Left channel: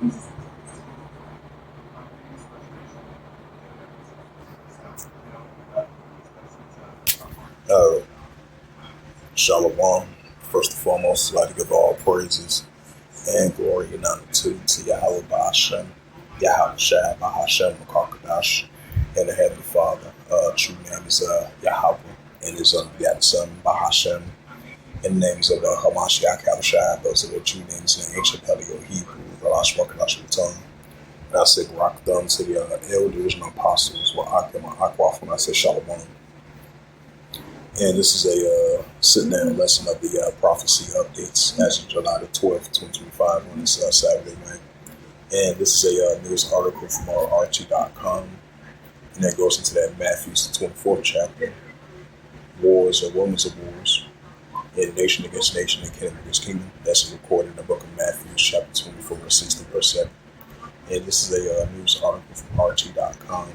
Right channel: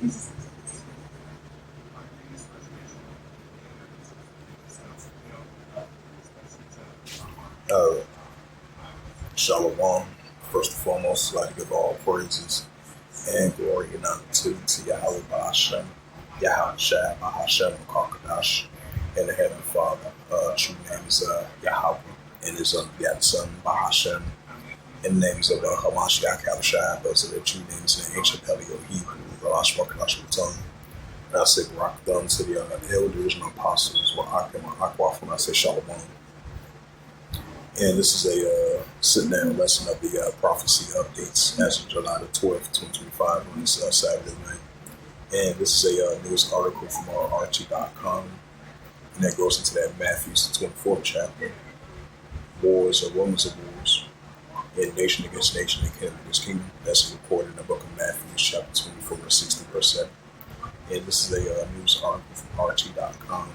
Uh, Shalom. First and foremost, I'd like to give all praises and glory and honor to Yahweh Bahashem, Yahweh Shai Bahashem Makakadash, and the Heavenly Father. True name is Yahweh, and his unbegotten Son Bahashem. In the names of Hamashiach Yahushua, those are the true names in the ancient Paleo Hebrew, Galash Wakadash Tongue. And I say rock them to the elders and apostles, Wa'akim Aquaf when I say Shalom. And this is a sit-down lesson of the prophecy updates as of July the 12th, 2025 on this Saturday night. And this is a news article from RT.com, and that goes into that Matthew's the 24th chapter, wars or rumors of wars, and nation against nation and kingdom against kingdom. That's recorded in the book of Matthew, chapter 24, verse 60, verse 7. And this is a news article from RT.com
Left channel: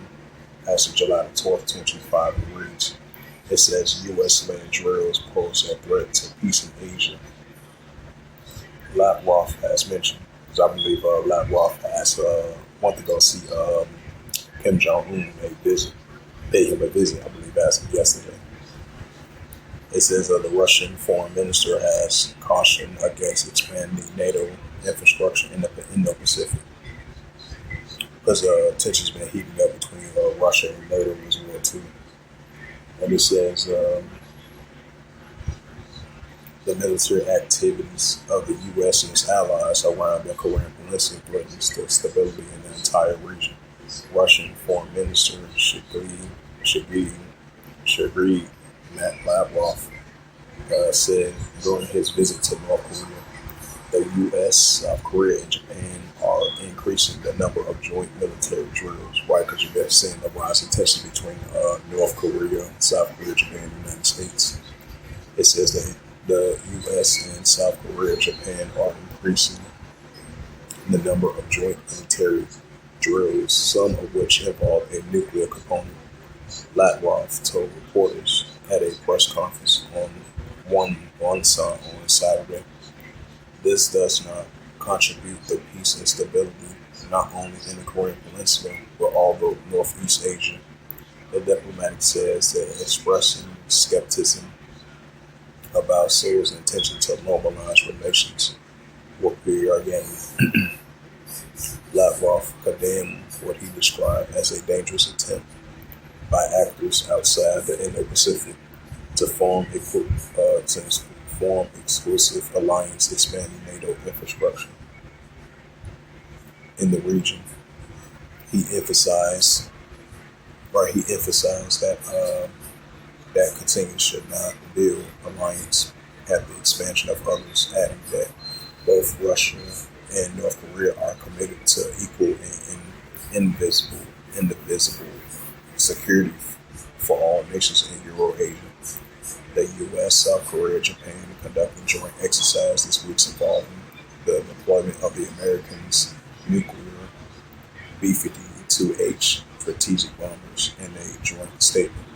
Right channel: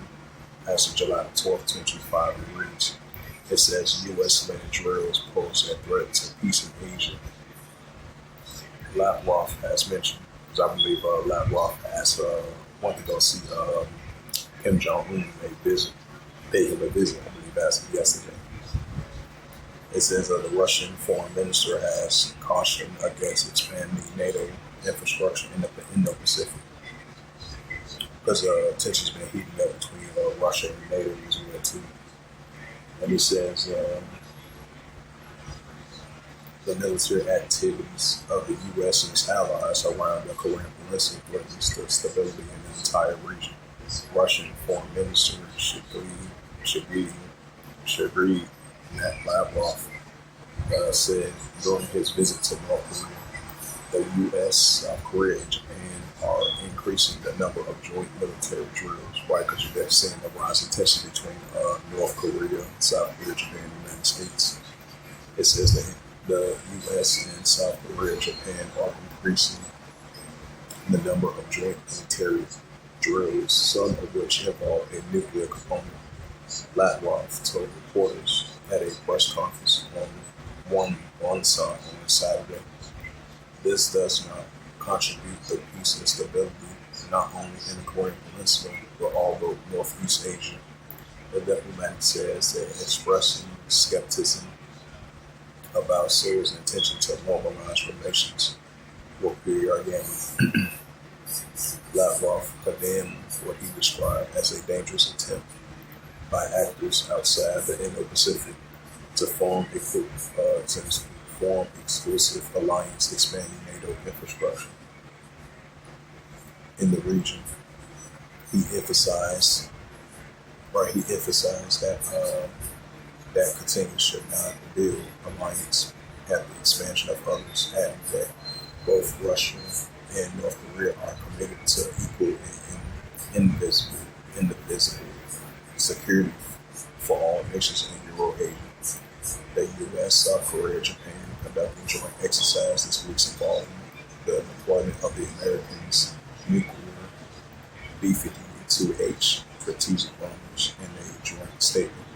as of July the 12th, 2025, and it reads, it says U.S.-led drills pose a threat to peace in Asia. Lavrov has mentioned, because I believe Lavrov has wanted to go see Kim Jong-un paid him a visit, I believe, as of yesterday. It says the Russian foreign minister has cautioned against expanding NATO infrastructure in the Indo-Pacific, because tensions been heating up between Russia and NATO as well too. And it says the military activities of the U.S. and its allies around the Korean Peninsula threatens the stability in the entire region. Russian Foreign Minister Sergei Lavrov said during his visit to North Korea, the U.S., South Korea, and Japan are increasing the number of joint military drills. Why? Because you've been seeing the rising tension between North Korea, South Korea, Japan, and the United States. It says that the U.S. and South Korea, Japan are increasing the number of joint military drills, some of which involve a nuclear component. Lavrov told reporters at a press conference on Saturday. This does not contribute to peace and stability, not only in the Korean Peninsula, but all over Northeast Asia. The diplomat says that expressing skepticism about Seoul's intention to normalize relations with Pyongyang. Lavrov condemned what he described as a dangerous attempt by actors outside the Indo-Pacific to form exclusive alliance expanding NATO infrastructure in the region. He emphasized that that continues should not build alliance at the expansion of others, adding that both Russia and North Korea are committed to equal and indivisible security for all nations in Euro-Asia. The U.S., South Korea, Japan conducting joint exercise this week involving the deployment of the Americans' nuclear B-52H strategic bombers in a joint statement.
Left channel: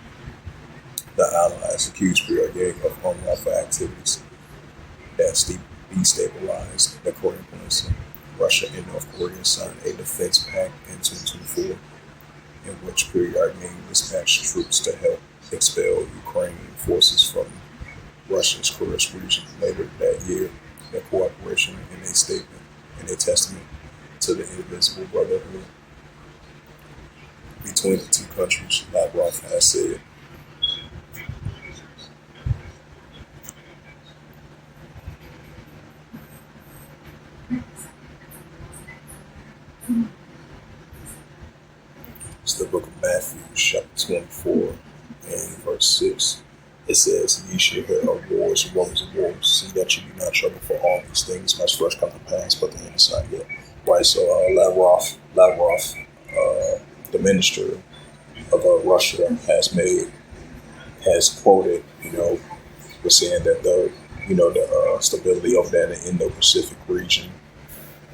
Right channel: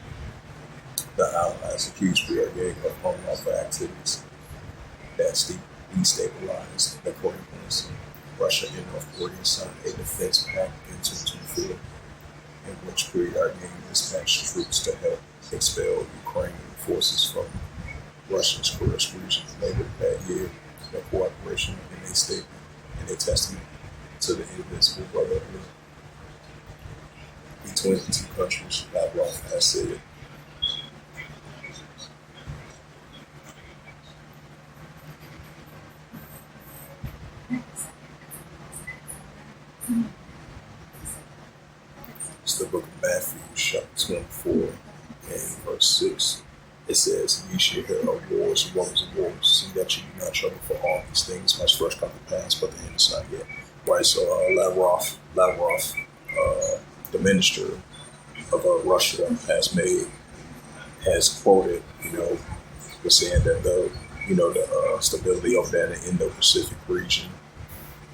The allies accused Pyongyang of unlawful activities that destabilized the Korean Peninsula. Russia and North Korea signed a defense pact in 2024, in which Pyongyang dispatched troops to help expel Ukrainian forces from Russia's Kursk region later that year. The cooperation in a statement and a testament to the indivisible brotherhood between the two countries, Lavrov has said. It's the book of Matthew, chapter 24, and verse 6. It says, "Ye shall hear of wars and rumors of wars. See that you do not trouble, for all these things must first come to pass, but the end is not yet." Right. So Lavrov, the minister of Russia, has quoted, was saying that the stability over there in the Indo-Pacific region,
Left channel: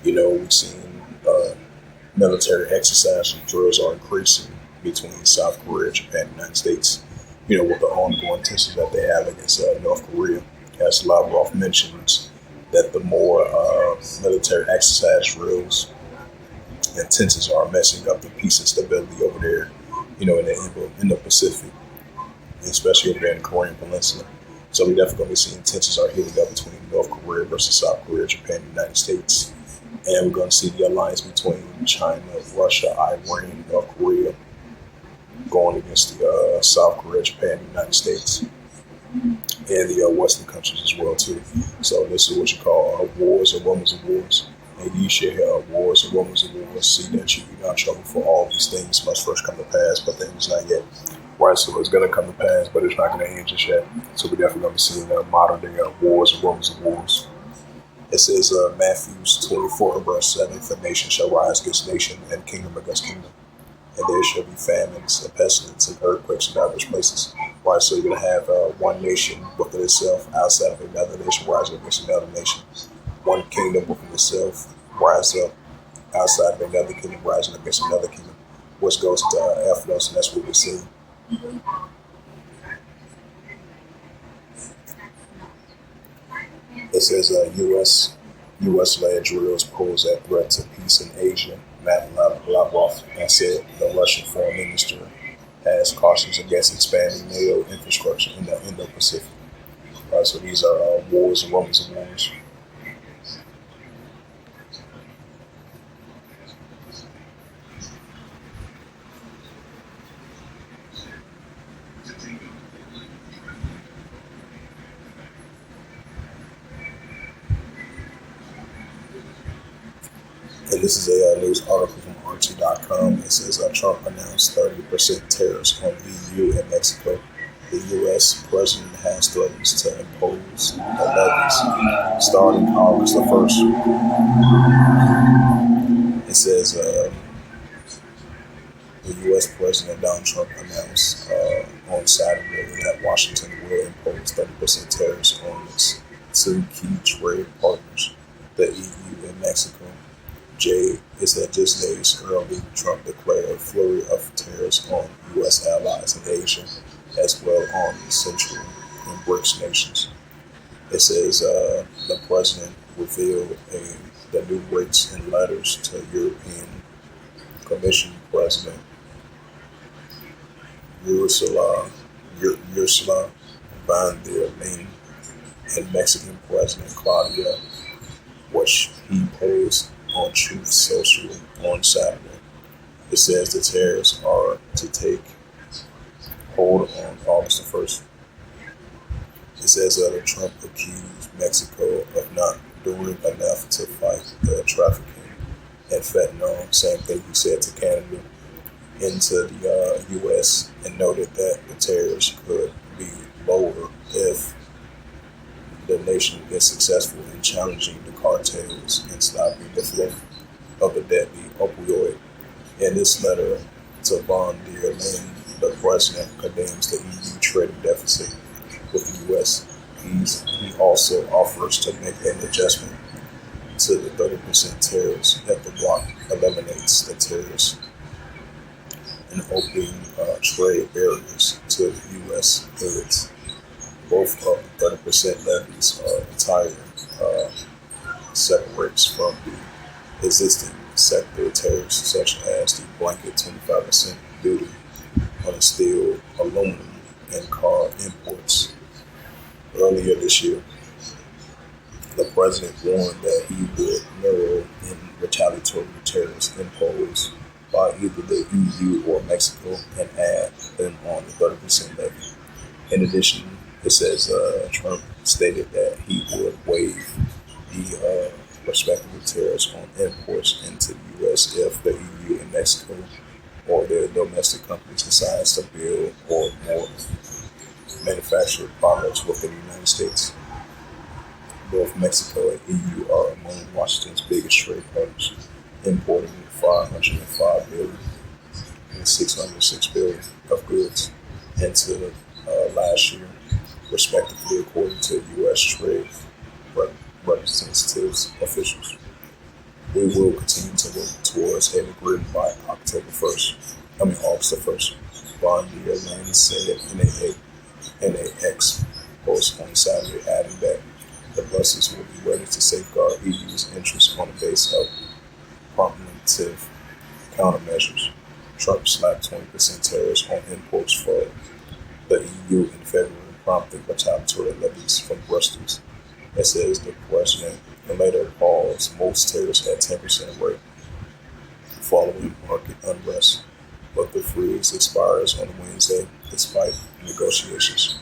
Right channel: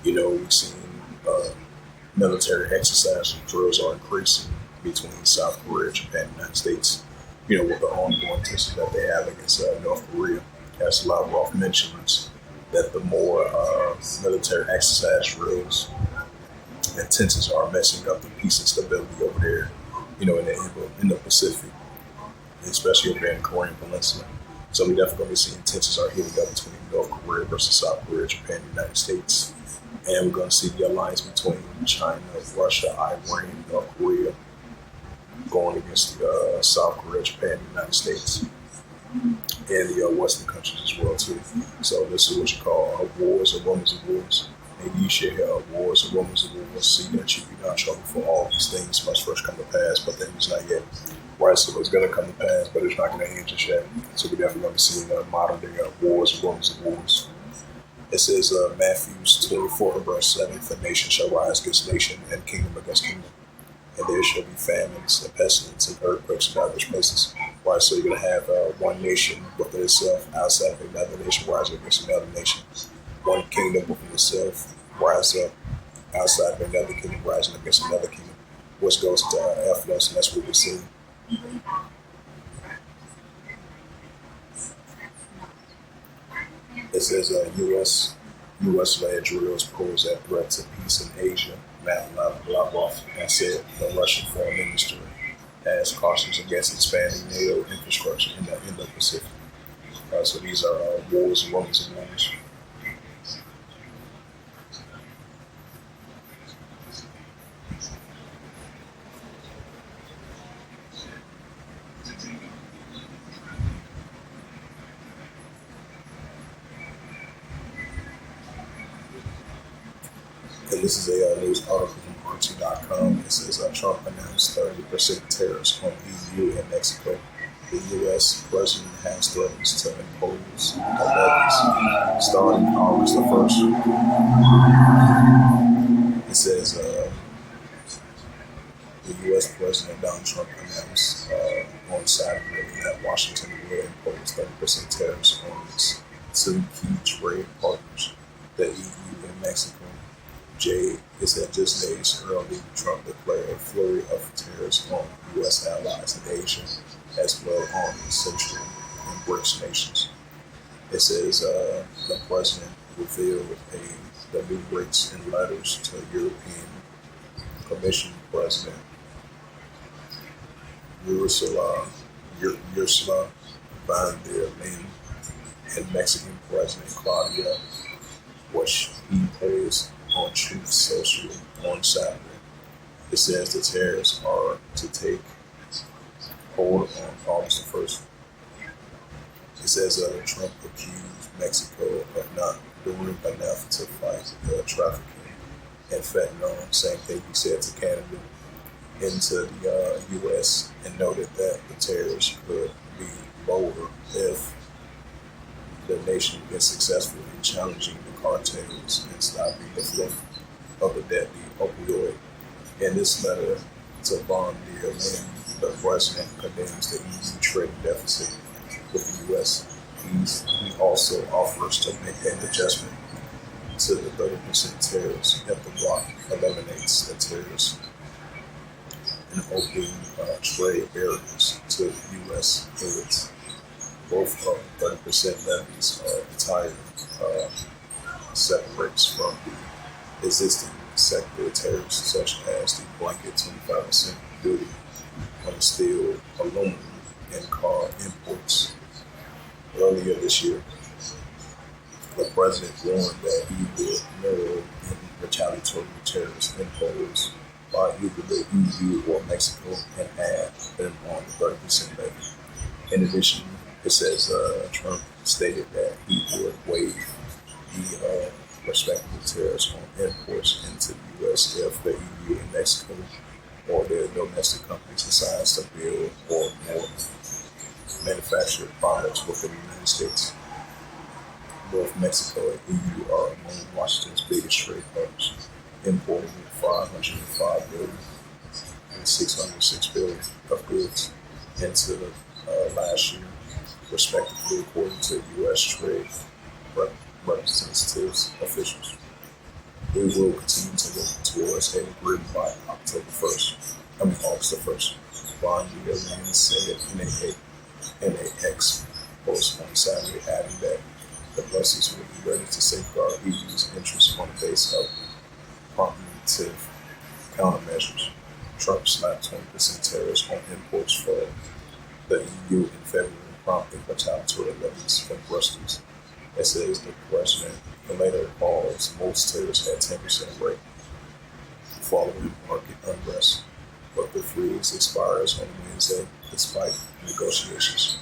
we've seen military exercise and drills are increasing between South Korea, Japan, and the United States, with the ongoing tensions that they have against North Korea. As Lavrov mentions, that the more military exercise drills and tensions are messing up the peace and stability over there, in the Indo-Pacific, especially over there in the Korean Peninsula. So we definitely going to be seeing tensions are heating up between North Korea versus South Korea, Japan, and the United States. And we're going to see the alliance between China, Russia, Iran, North Korea going against the South Korea, Japan, and the United States, and the Western countries as well too. So this is what you call wars or rumors of wars. Maybe you should hear wars or rumors of wars. See that you be not in trouble for all these things must first come to pass, but things not yet. Right, so it's going to come to pass, but it's not going to end just yet. So we're definitely going to be seeing modern day wars and rumors of wars. It says Matthew 24 verse 7, the nation shall rise against nation and kingdom against kingdom. And there shall be famines and pestilence and earthquakes in diverse places. Right, so you're going to have one nation within itself outside of another nation rising against another nation. One kingdom within itself rise up outside of another kingdom rising against another kingdom, which goes to Ephesus, and that's what we're seeing. It says U.S.-led drills pose a threat to peace in Asia. Matt Lavrov has said the Russian foreign minister has cautions against expanding NATO infrastructure in the Indo-Pacific. So these are wars and rumors of wars. And this is a news article from RT.com. It says Trump announced 30% tariffs on EU and Mexico. The U.S. president has threatened to impose levies starting August the 1st. It says the U.S. President Donald Trump announced on Saturday that Washington will impose 30% tariffs on its two key trade partners, the EU and Mexico. It said just days early, Trump declared a flurry of tariffs on U.S. allies in Asia, as well on the Central and BRICS nations. It says the president revealed the new rates in letters to European Commission President Ursula von der Leyen and Mexican President Claudia, which he posed on Truth Social on Saturday. It says the tariffs are to take hold on August the 1st. It says that Trump accused Mexico of not doing enough to fight trafficking and fentanyl. Same thing he said to Canada into the U.S. and noted that the tariffs could be lower if the nation is successful in challenging the cartels and stopping the flow of the deadly opioid. In this letter to von der Leyen, the president condemns the EU trade deficit with the U.S. He also offers to make an adjustment to the 30% tariffs if the bloc eliminates the tariffs and opening trade barriers to U.S. goods. Both of the 30% levies are entirely separates from the existing sector tariffs, such as the blanket 25% duty on steel, aluminum, and car imports. Earlier this year, the president warned that he would narrow in retaliatory tariffs imposed by either the EU or Mexico and add them on the 30% levy. In addition, it says Trump stated that he would waive the respective tariffs on imports into the U.S. if the EU and Mexico or their domestic companies decides to build or more manufactured products within the United States. Both Mexico and EU are among Washington's biggest trade partners, importing $505 billion and $606 billion of goods into last year, respectively, according to U.S. Trade Representatives officials. We will continue to work towards an agreement by August the 1st. Von der Leyen said in a X post on Saturday, adding that The Brussels will be ready to safeguard EU's interests on the base of preemptive countermeasures. Trump slapped 20% tariffs on imports for the EU in February, prompting retaliatory levies from Brussels. It says the president later paused most tariffs at 10% rate following market unrest, but the freeze expires on Wednesday despite negotiations.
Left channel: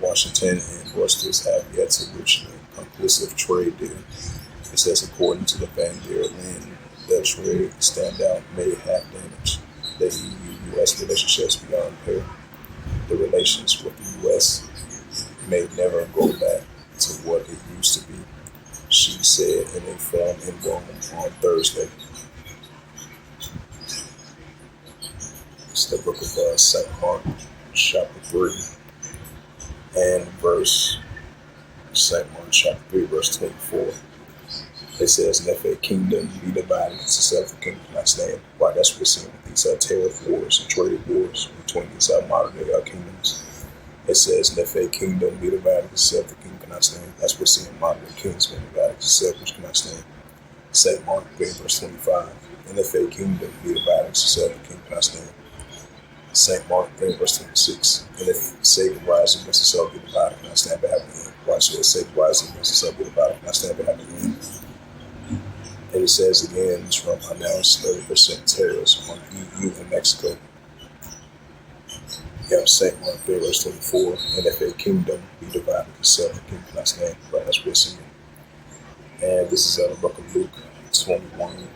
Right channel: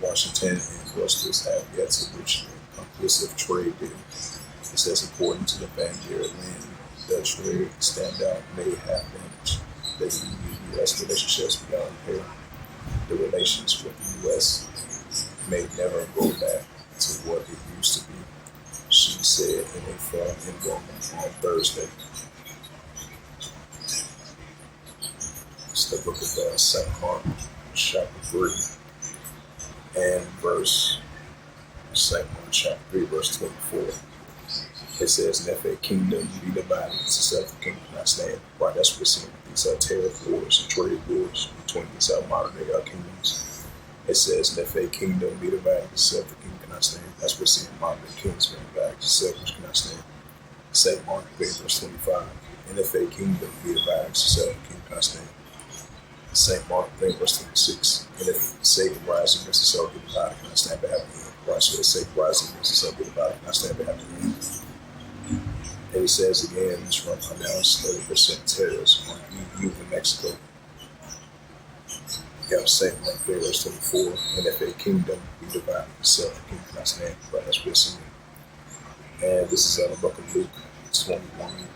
Washington and Brussels have yet to reach a conclusive trade deal. It says, according to the Vanguard, when the trade standout may have damaged the EU-US relationships beyond repair. The relations with the U.S. may never go back to what it used to be, she said in a forum in Rome on Thursday. It's the book of St. Mark, chapter 3, and St. Mark, chapter 3, verse 24. It says, and if a kingdom be divided into itself, the kingdom cannot stand. Right, that's what we're seeing. These tariff wars and trade wars between these modern day kingdoms. It says, and if a kingdom be divided into itself, the kingdom cannot stand. That's what we're seeing. Modern day kingdoms being divided into itself, which cannot stand. St. Mark 3, verse 25. And if a kingdom be divided into itself, the kingdom cannot stand. St. Mark 3, verse 26. And if Satan rises against itself, be divided, cannot stand, but have the end. Right, so if Satan rises against itself, be divided, cannot stand, but have the end. And it says again, Trump announced 30% tariffs on EU and Mexico. You have St. Mark 3, verse 24. And if a kingdom be divided itself, the kingdom cannot stand. Right, that's what we're seeing. And this is out of the book of Luke 21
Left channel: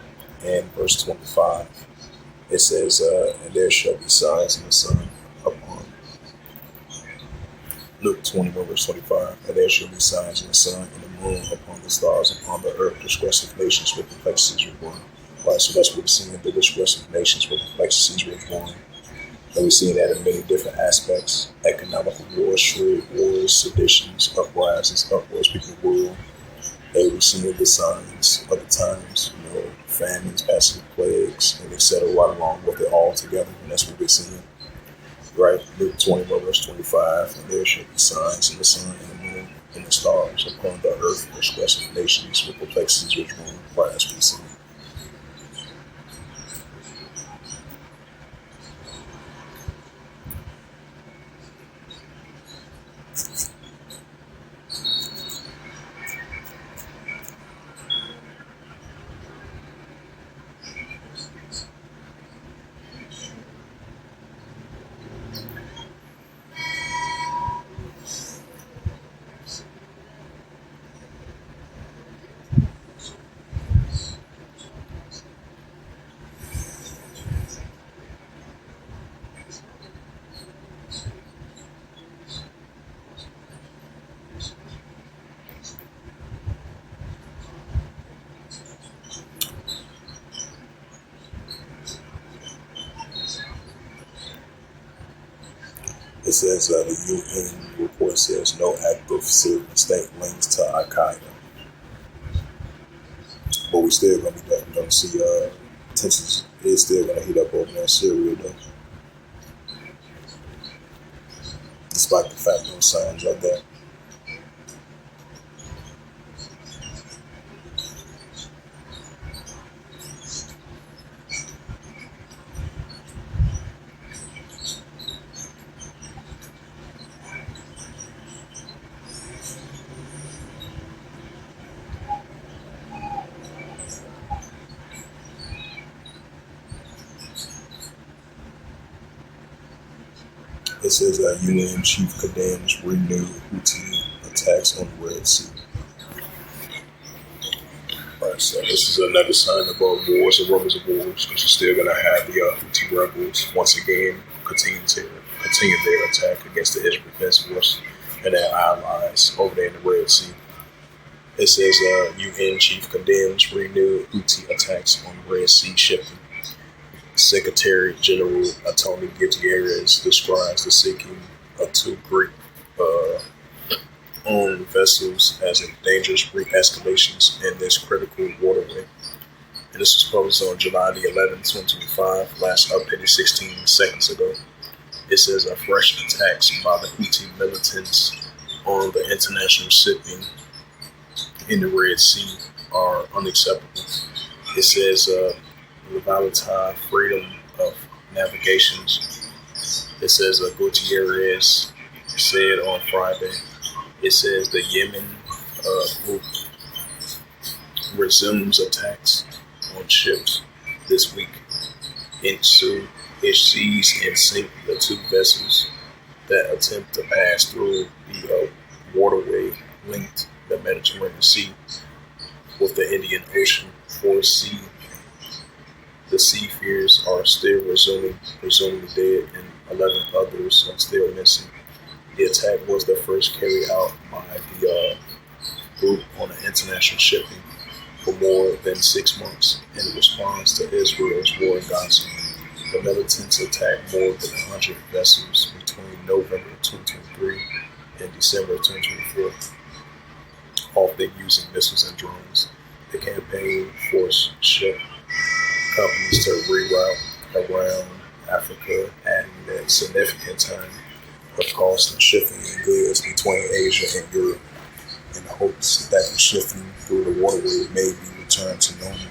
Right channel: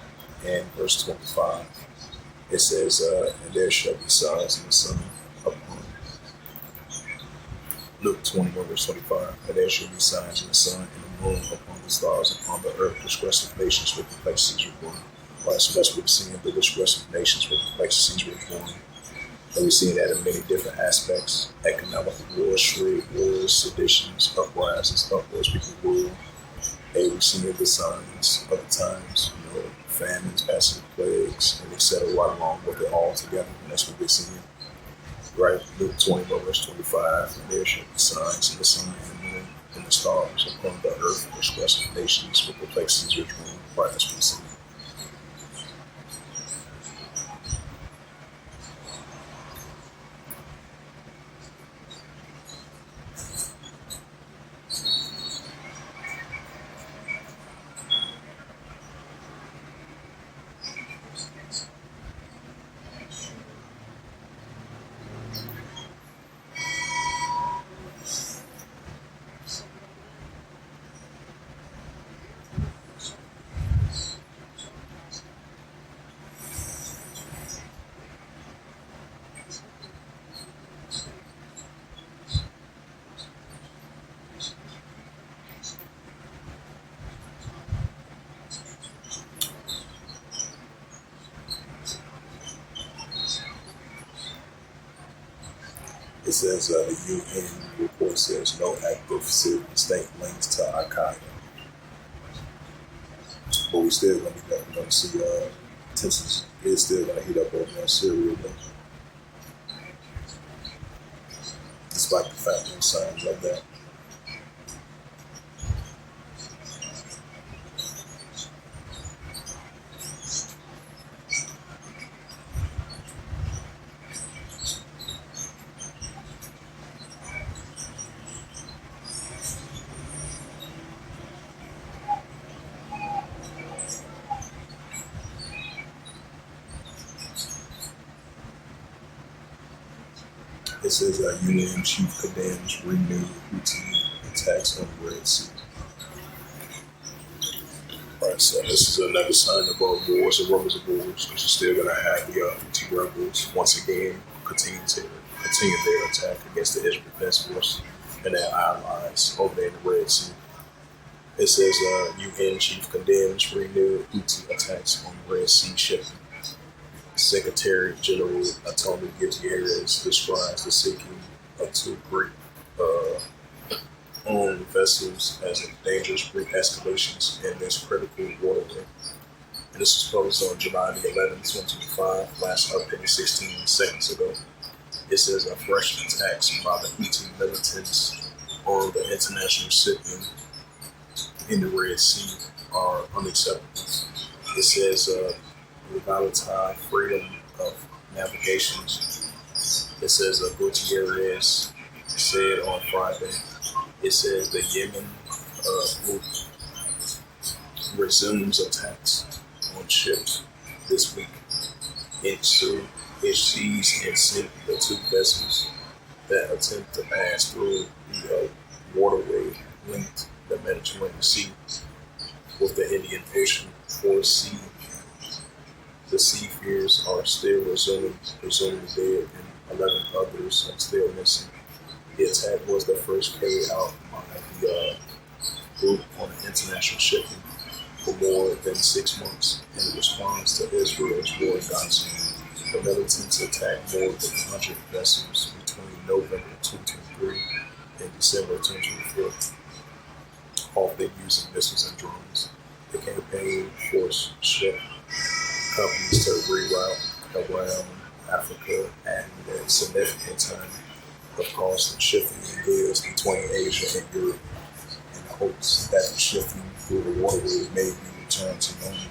and verse 25. It says, and there shall be signs in the sun upon Luke 21, verse 25. And there shall be signs in the sun and the moon upon the stars upon the earth. Disgressive nations with perplexities were born. Right, so that's what we're seeing. The disgressive nations with perplexities were born. And we're seeing that in many different aspects: economical wars, trade wars, seditions, uprisings, uproars, people of the world. And we're seeing the signs of the times, famines, pestilence, plagues, and etc. right along with it all together. And that's what we're seeing. Right, Luke 21, verse 25, and there shall be signs in the sun and the moon and the stars upon the earth, disgressive nations with perplexities which run. Right, that's what we're seeing. It says the UN report says no active Syrian state links to Al Qaeda, but we're still going to see tensions. It's still going to heat up over in Syria, though, despite the fact that signs like that. It says UN chief condemns renewed Houthi attacks on the Red Sea. Alright, so this is another sign of wars and rumors of wars, because you're still going to have the Houthi rebels once again continue their attack against the Israel Defense Force and their allies over there in the Red Sea. It says UN chief condemns renewed Houthi attacks on the Red Sea shipping. Secretary General Antonio Guterres describes the sinking of two Greek owned vessels as a dangerous Greek escalations in this critical waterway. And this was published on July the 11th, 2025, last updated 16 seconds ago. It says a fresh attacks by the Houthi militants on the international shipping in the Red Sea are unacceptable. It says the volatile freedom of navigations. It says Gutierrez said on Friday. It says the Yemen group resumes attacks on ships this week. It seized and sink the two vessels that attempt to pass through the waterway linked the Mediterranean Sea with the Indian Ocean. The seafarers are still presumably dead, and 11 others are still missing. The attack was the first carried out by the group on an international shipping for more than 6 months in response to Israel's war in Gaza. The militants attacked more than 100 vessels between November 2023 and December 2024, often using missiles and drones. The campaign forced ship companies to reroute around Africa, adding a significant time of cost in shipping goods between Asia and Europe, in the hopes that the shipping through the waterway may be returned to normal.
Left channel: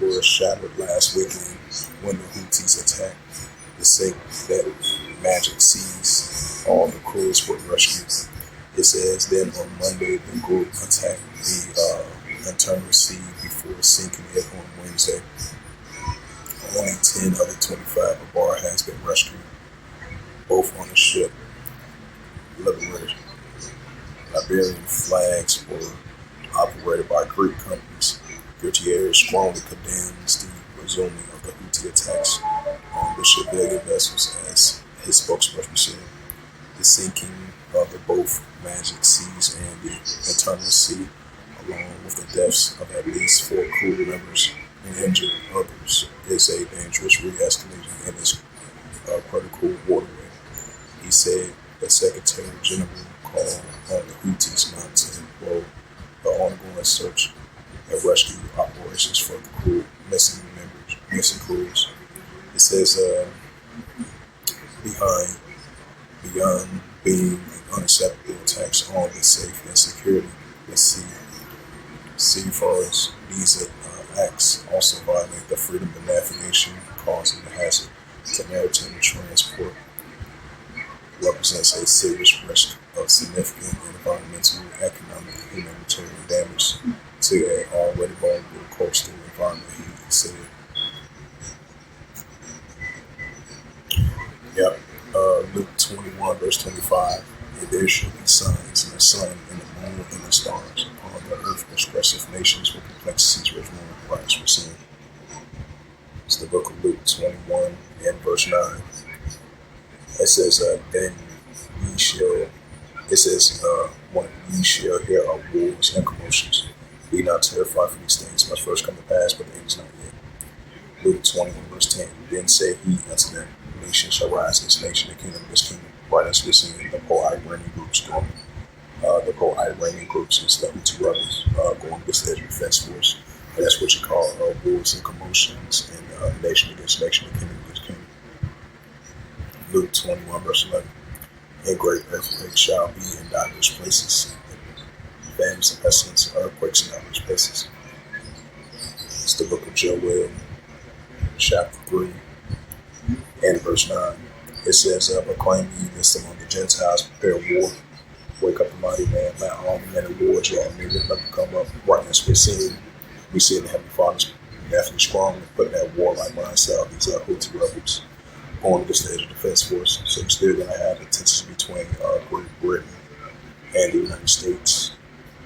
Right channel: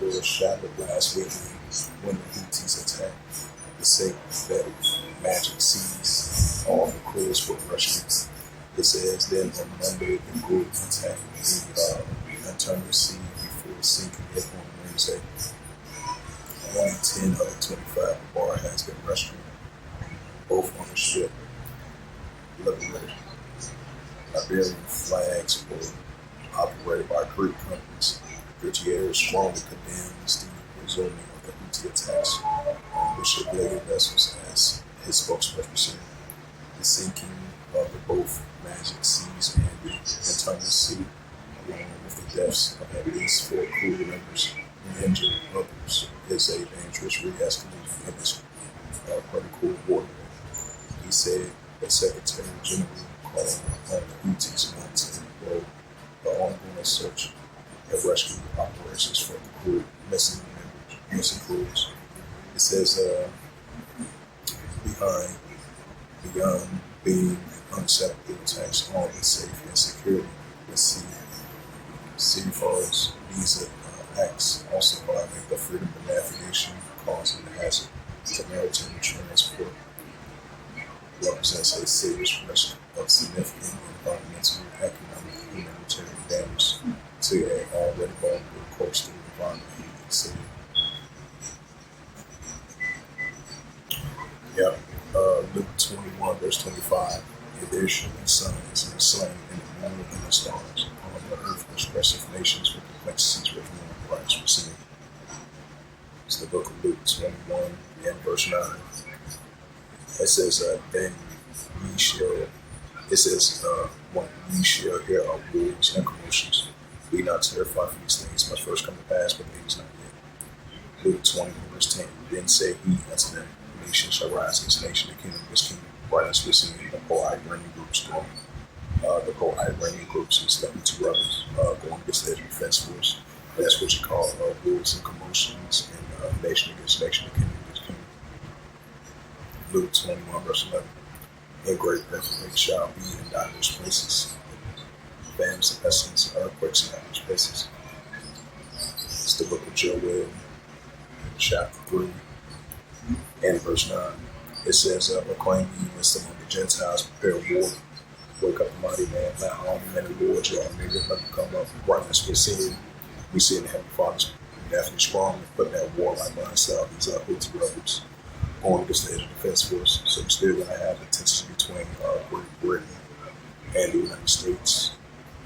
Were shattered last weekend when the Houthis attacked the sympathetic Magic Seas. All the crews were rescued. It says then on Monday the group attacked the internal sea before sinking it on Wednesday. Only 10 of the 25 bar has been rescued, both on the ship liberated. Liberian flags were operated by Greek companies. Gutierrez strongly condemns the resuming of the Houthi attacks on the civilian vessels, as his spokesperson said. The sinking of the both Magic Seas and the internal sea, along with the deaths of at least 4 crew members and injured others, is a dangerous re-escalation in this critical waterway. He said the Secretary General called on the Houthis not to involve the ongoing search and rescue operations for the crew, missing crews. It says beyond being an unacceptable attacks on the safety and security at sea, seafarers, these acts also violate the freedom of navigation, causing a hazard to maritime transport, represents a serious risk of significant environmental, economic, and humanitarian damage to an already vulnerable coastal environment, he said. Yep. Luke 21, verse 25. And there shall be signs in the sun, and the moon, and the stars. Upon the earth, expressive nations with complexities which no Christ was seen. It's the book of Luke 21 and verse 9. It says, then ye shall, it says, when ye shall hear of wars and commotions, be not terrified for these things must first come to pass, but it is not yet. Luke 21 verse 10. Then said he unto them, nation shall rise against nation, and kingdom against kingdom. Right, as we're seeing the pro-Iranian groups going. The pro-Iranian groups is the Houthi rebels going against the Israel Defense Force. And that's what you call wars and commotions, and nation against nation, and kingdom against kingdom. Luke 21 verse 11. And great earthquakes shall be in diverse places, famines and pestilence, earthquakes in diverse places. It's the book of Joel, chapter 3, and verse 9. It says, proclaim ye this among the Gentiles, prepare war, wake up the mighty man, let all the men of war draw near, let them come up. Right as we see in the Heavenly Father's definitely strongly putting that warlike mindset of these Houthi rebels going against the Israel Defense Force. So we're still going to have the tension between Great Britain and the United States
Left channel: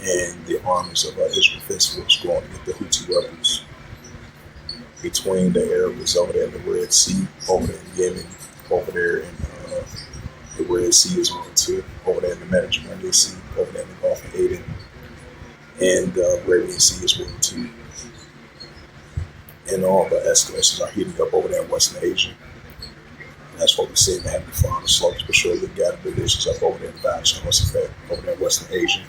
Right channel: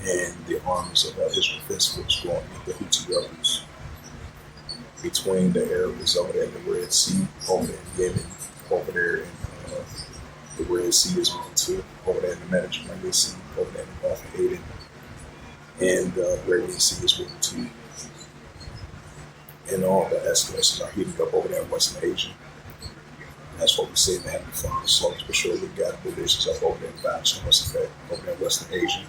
and the armies of Israel Defense Force going against the Houthi rebels. Between the Arabs over there in the Red Sea, over there in Yemen, over there in the Red Sea as well too, over there in the Mediterranean Sea, over there in the Gulf of Aden, and the Arabian Sea as well too. And all the escalations are heating up over there in Western Asia. And that's what we see in the Heavenly Father. Slowly but surely got divisions up over there in effect over there in Western Asia.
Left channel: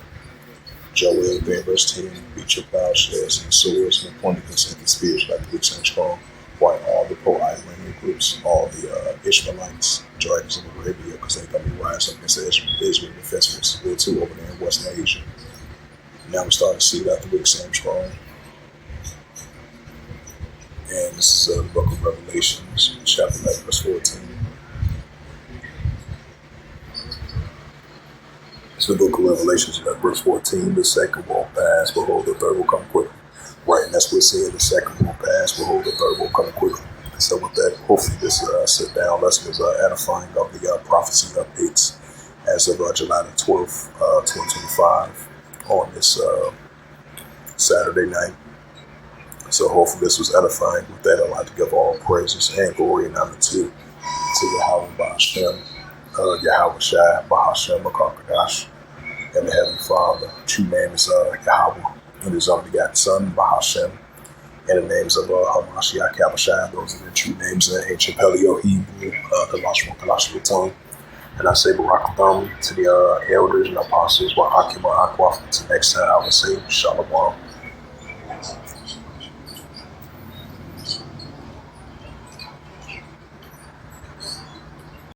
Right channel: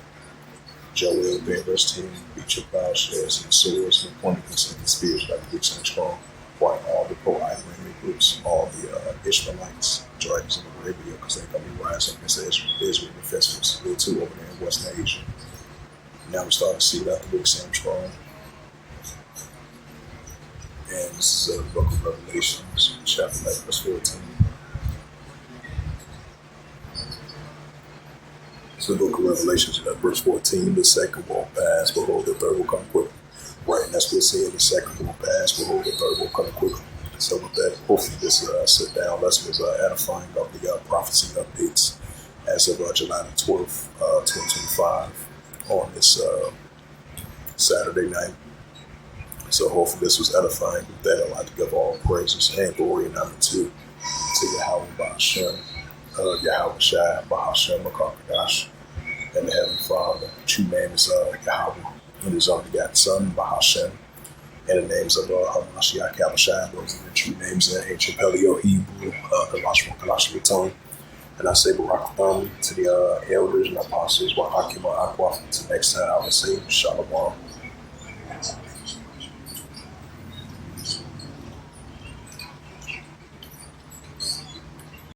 Joel 3 verse 10, beat your plowshares and swords and appointed consenting spears like the weak and strong. While all the pro-Iranian groups, all the Ishmaelites, dragons of Arabia, because they're going to be rising up against the Israel Defense Forces too over there in Western Asia. Now we're starting to see that the week seems strong. And this is the book of Revelations, chapter 11, verse 14. It's the book of Revelations, verse 14. The second will pass, behold, the third will come quickly. Right, and that's what it said. The second will pass, behold, the third will come quickly. So with that, hopefully this sit-down lesson was edifying of the prophecy updates as of July the 12th, 2025 on this Saturday night. So hopefully this was edifying. With that, I'd like to give all praises and glory and honor to Yahweh Bahashem, Yahweh Shai, Bahashem, Makakadash, and the Heavenly Father. True name is Yahweh, and His only begotten Son, Bahashem, and the names of Hamashiach, Kabashai. Those are the true names in ancient Paleo Hebrew, Kalashma, Kalashma tongue. And I say Barak to the elders and apostles, Wahakima Aqua. Until next time, I would say Shalom.